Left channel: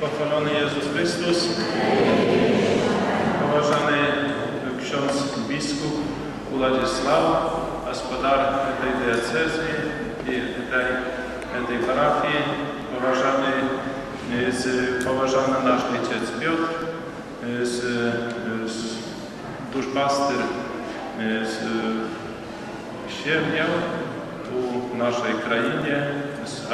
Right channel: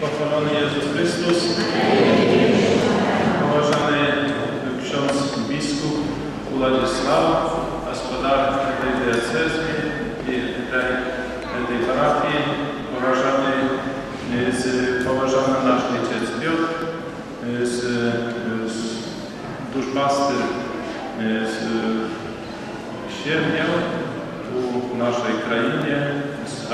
Pochwalony Jezus Chrystus, poważany ksiądz biskup Władysław, gospodar tej diecezji i tej parafii, poważany nasz ojciec Piotr, duszpaster z Siewnia tu w naszej krainie, z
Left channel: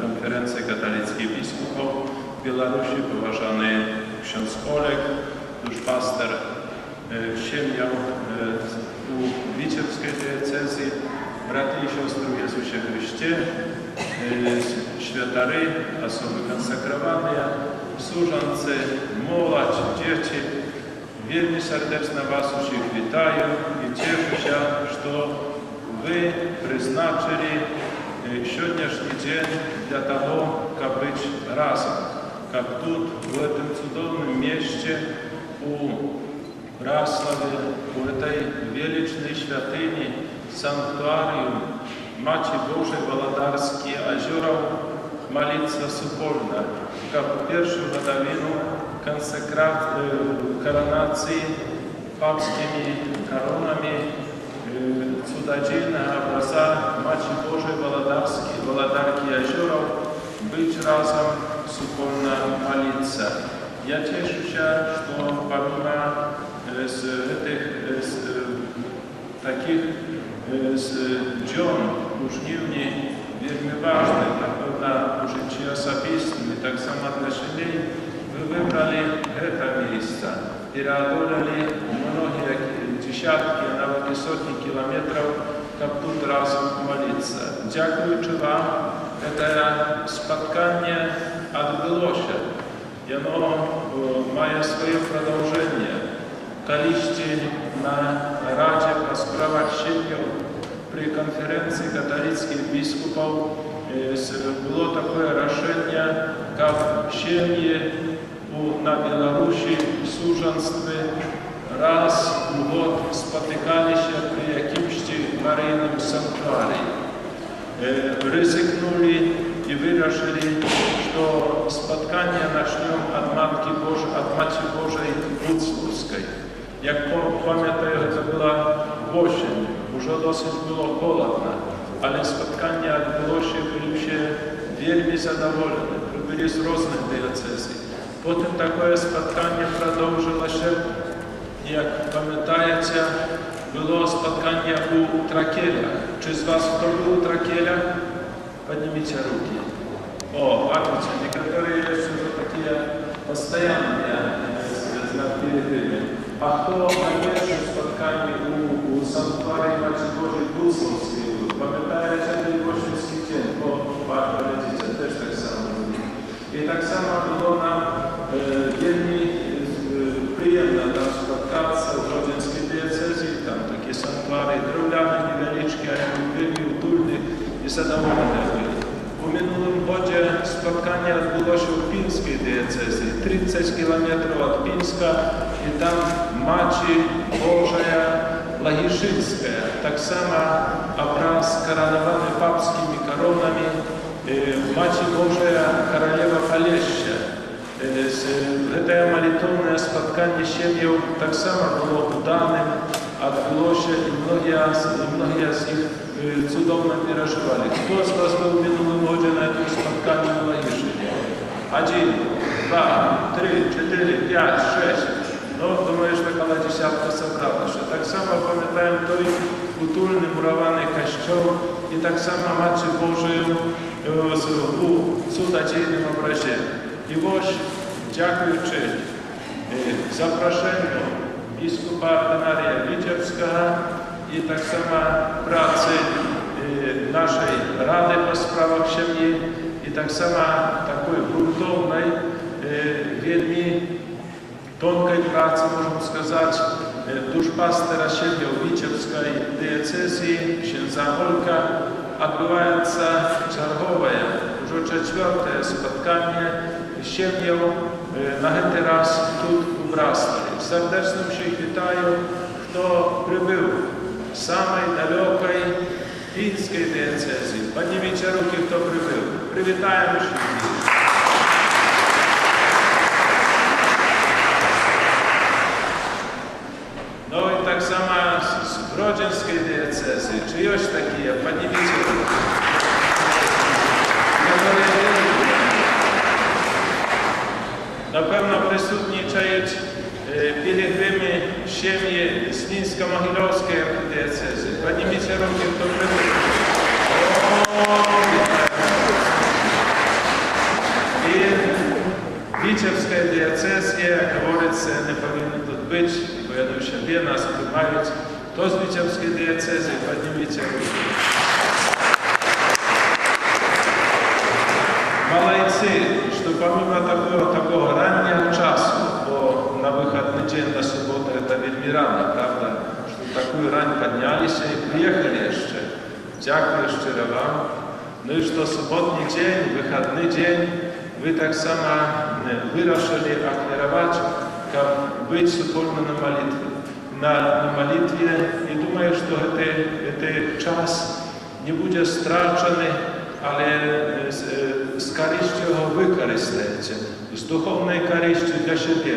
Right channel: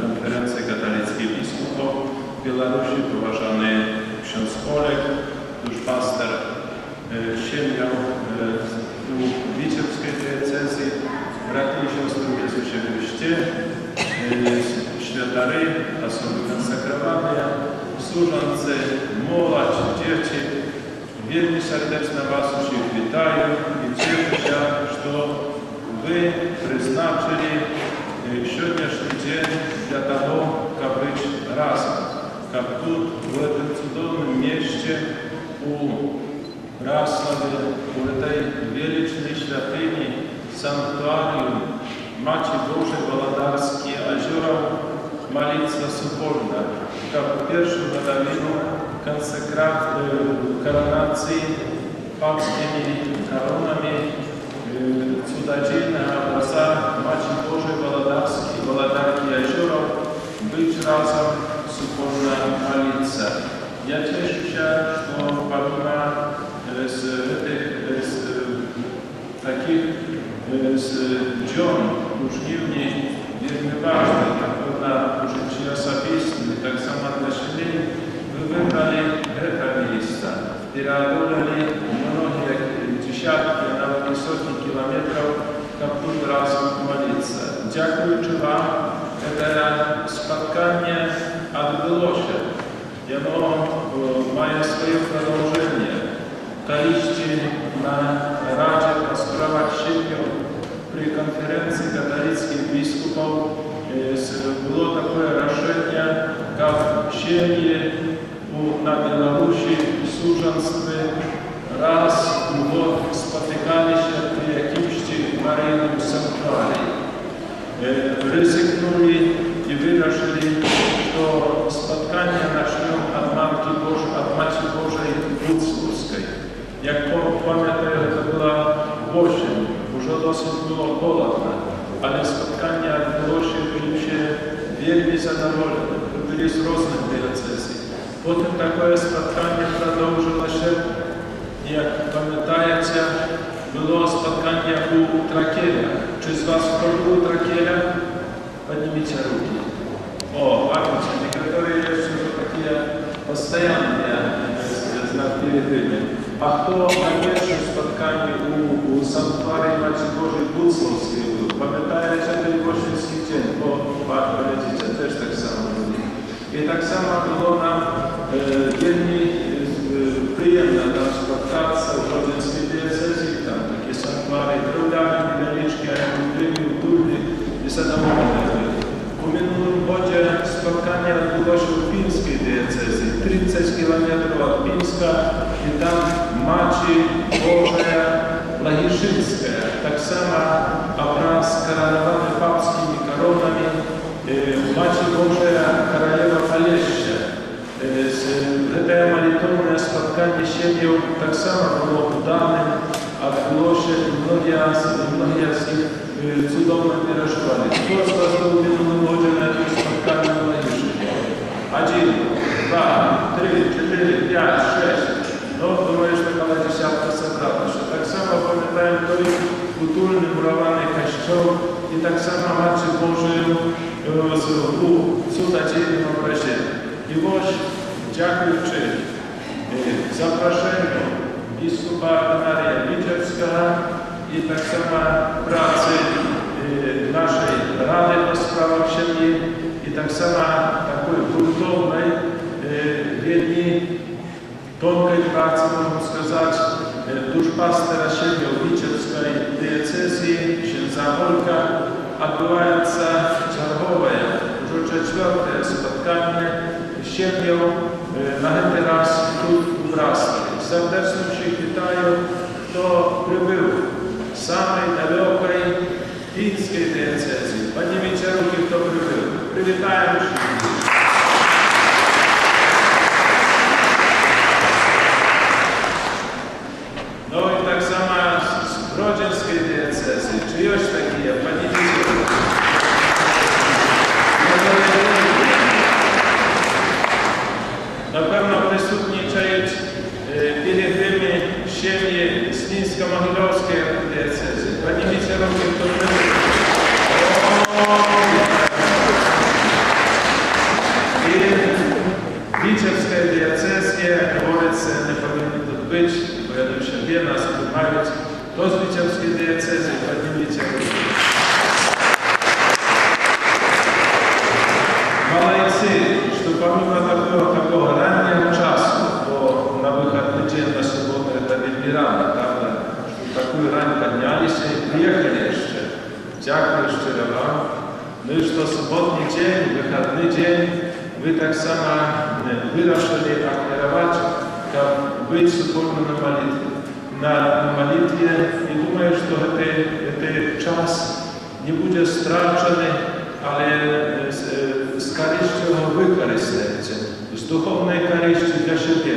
konferencji katolickiej biskupów w Białorusi, poważany ksiądz Olek, duszpaster Siewnia u Witebskiej diecezji, braty i siostry w Jezusie Chryście, świętary, osoby konsekrowane, służący, młodzież, dzieci. Wielmi serdecznie Was wszystkich witaję i cieszę się, że Wy przeznaczyli dzisiejszy dzień dla tego, aby być razem. Aby tu, w tym cudownym mieście, u Brasławie, u tej wielkiej świątyni, sanktuarium Maci Bożej Wolodarskiej Jeziora, Malica Supolna, aby pierwszą godzinę koronacji papskimi koronami cudzoziemne obraza Maci Bożej Wolodarki Jeziora być razem Supolna Malica. Ja cieszę się, że pomimo takich dzion różniwni, wielmi ważnych, jak na życiu osobistym i tak samo dla siebie, wy wybrali to miejsce i preodolali mnogie dziesiątki, a nawet i setki kilometrów, aby tu razem modlić. Dziękuję Wam, to spotkanie odbyło się. Ono ma swoje продолжение. Kaliście na Radzie po sprawach siebie przy konferencji katolickich biskupów było takie решение, jak siebie na Białorusi służąctwie raz w gод spotykali się przy jakimś maryjnym sanktuarium. Ryzyknuli i wyruszyli, że spotkanie zaczną od Matki Bożej Włódzkiej. Jak pamiętaję, to była осень, już dosyć było chłodno, ale spotkanie odbyło się, byliśmy wielmi zadowoleni, byli z różnych diecezji. Potem takie spotkanie продолжило się, jak pamiętacie, było spotkanie u Trakielia. Czy z Was kto był u Trakielia? Поднимите руки. О, видите, некоторые еще такие постоянные перед ними. А кто на первом споткании у санктуарии Матери Божией Буцловской был? Пам'ятаєте, это Ивошинский день? О, видите, też так само. И так само было нам вельми приємно там споткаться в Родинской диецезии, там такие санктуарии древляные, невеличкие, вельми утульные и задоволенные. W minionym godzie spotkanie odbyło się w Pińskiej diecezji, 30 km od Pińska i tam Maci Boża Lagiszyńska, tak samo obraz koronowany papskimi koronami, Maci Boża Korolewa Polessia. To molitewne spotkanie siebie tak samo było udanym, odbyło się i mnogie z nich cudownie wyrażali. Kto z Was był w minionym godzie na tym spotkaniu na Lagiszynie? 1, 2, 3, 4, 5, 6. No, думаю, że taka dziesiątka zebrała się. Tak samo pamiętają той utulny, murowany kościół i tak samo Matce Bożej u cudzoziemnym obrazie. I właśnie, dziękując zaproszeniu biskupa Ordynaria Witebskiego i tak samo pracy naszej Rady po sprawach siebie i tak samo takiej gruntownej, wielmi tонкой pracy, można сказать, duszpastera siebie w Witebskiej diecezji, księdza Olka, odbywająca czerwowe, już 4. spotkanie siebie na ten raz tu w Brasławie. Serdecznie się witają, kto przybył z samej dalekiej Pińskiej diecezji. Podнимите руки, kto przybył. Przywitają się. Czy już takie, Panie wiecie? Na pewno przysutniczać pielgrzymy ziemi Slińsko-Mohilowskiej diecezy. Panie wicerowie, to i Witebskiej diecezie, jak говорится, nie powinno tu być, bo ja do siebie nas przyjmają. To z Witebskiej diecezy, Panie wicerowie. Молодцы, что помимо такого раннего часу, по на выходный день, на субботу, это ведь рано, правда, что такую рань поднялись и приехали еще. Дякую щиро вам. Ну и что субботний день, выходный день, вы так само вырашили акцентировать, как быть супольно на молитве. На молитве, и думаю, что это час не будет страчены, ale z korzyścią wykorzystajcie, z duchownej korzyści dla siebie.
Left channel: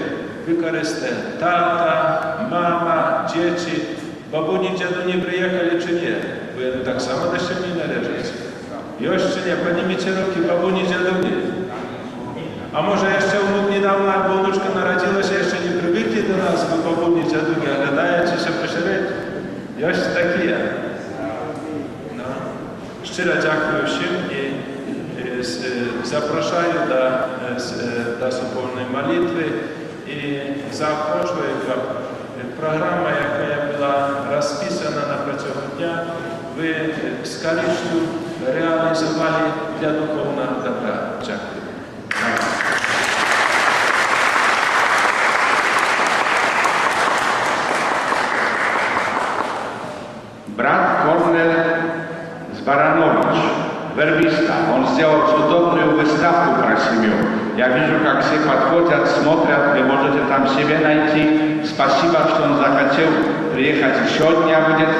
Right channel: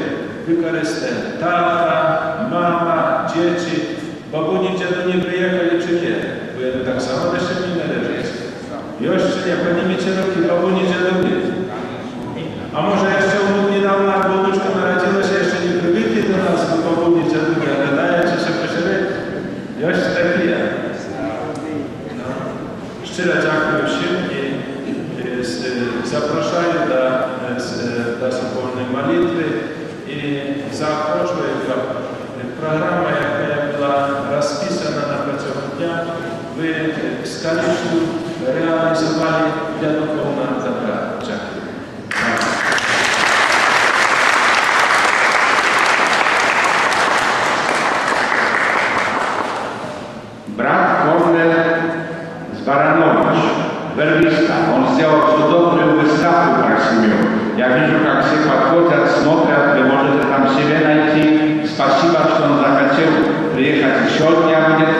Wykorzystajcie tata, mama, dzieci, babuni, dziadu nie przyjechali czy nie, bo ja tak samo do siebie należyć. Jeszcze nie, Panie wicerowie, babuni, dziadu nie. A może jeszcze niedawno, jak wnuczka narodziła się, jeszcze nie przywykli do nas, bo babuni, dziadu nie, ale dajecie się pośrednio. Jeszcze taki ja. Szczerze dziękuję всем i zapraszam do wspólnej modlitwy i zapraszam programa, jaka była rozpisana na протягу dnia, wy z korzyścią realizowali dla duchownego dobra. Dziękuję. Brat Kornel Baranowicz, werбиста, он сделал чудовную выставку красивую. Я вижу, как все подходят, смотрят, вы можете там себе найти. Спасибо, что он захотел приехать еще дня, будет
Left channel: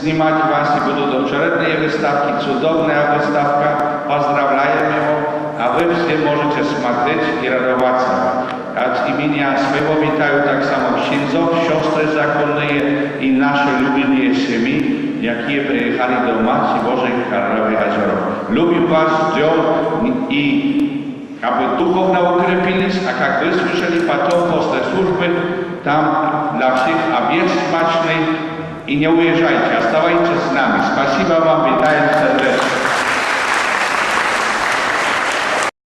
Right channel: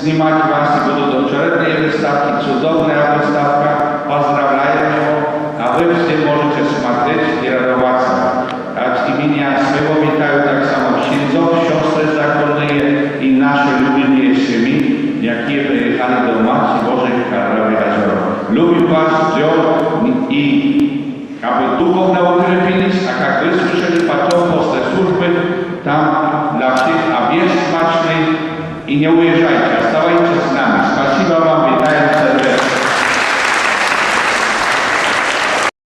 снимать вас, и будут очередные выставки, чудовная выставка. Поздравляем его, а вы все можете смотреть и радоваться. От имени своего витаю так само księdzów, siostry zakonne i nasze lubienie семьи, jakie przyjechali do Matki Bożej w Karlowie Jezioro. Lubię was, i aby duchowno ukrypiliś, a jak wy słyszeli potem после służby, tam dla wszystkich obiad smaczny i nie ujeżdżajcie, оставайтесь z nami. Спасибо